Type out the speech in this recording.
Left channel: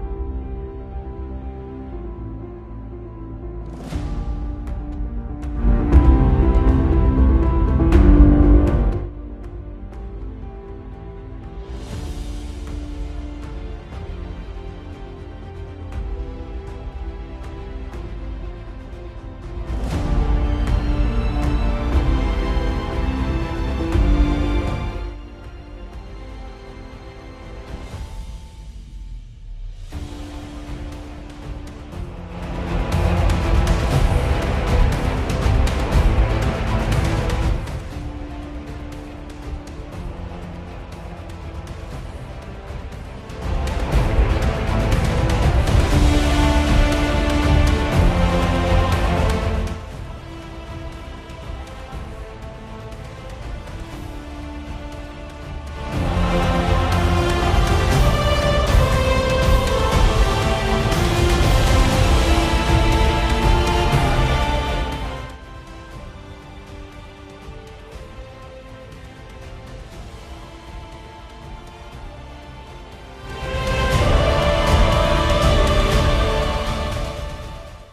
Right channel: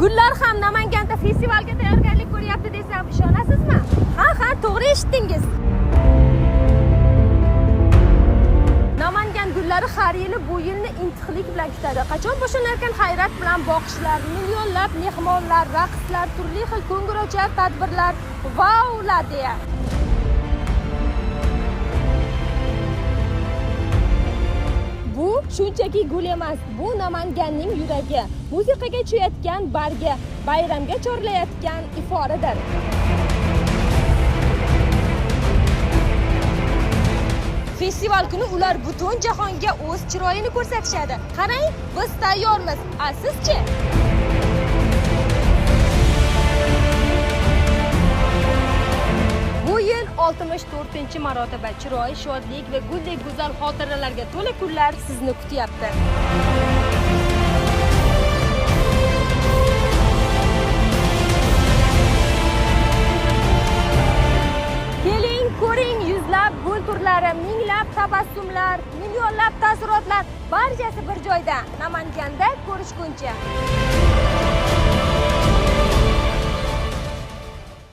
Gullar ham Namanganda festivalga tayyorgarlik ko'ryapti desam ishonasizmi? Ha, to'g'ri eshitdingiz. Namangan gullari har yili bu yilni intiqlik bilan kutadi. Qachon boshlanarkan hayrat bilan boqishlar, millionlab mehmonlar, raqslar, turli xil ko'ngilochar tadbirlar, vaular deya. Bu shunchaki gul emas, bu Namanganning yuragi, musiqaga cho'yayotgan bargi, bayramga chorlayotgan iforidir. Festival kuni ular butun jahonga o'z chiroyini ko'rsatishadi. Qarang, biz tayyormiz. Sizchi? Bu yil 64-marotaba chiroy, shodlik va guldek go'zal xotiralarga to'la kunlar sizni kutyapti. Keling, ko'ring, yuzlab gul turlari, minglab tabassumlar, millionlab taassurotlar barchasi bir joyda. Namanganda ko'rishguncha.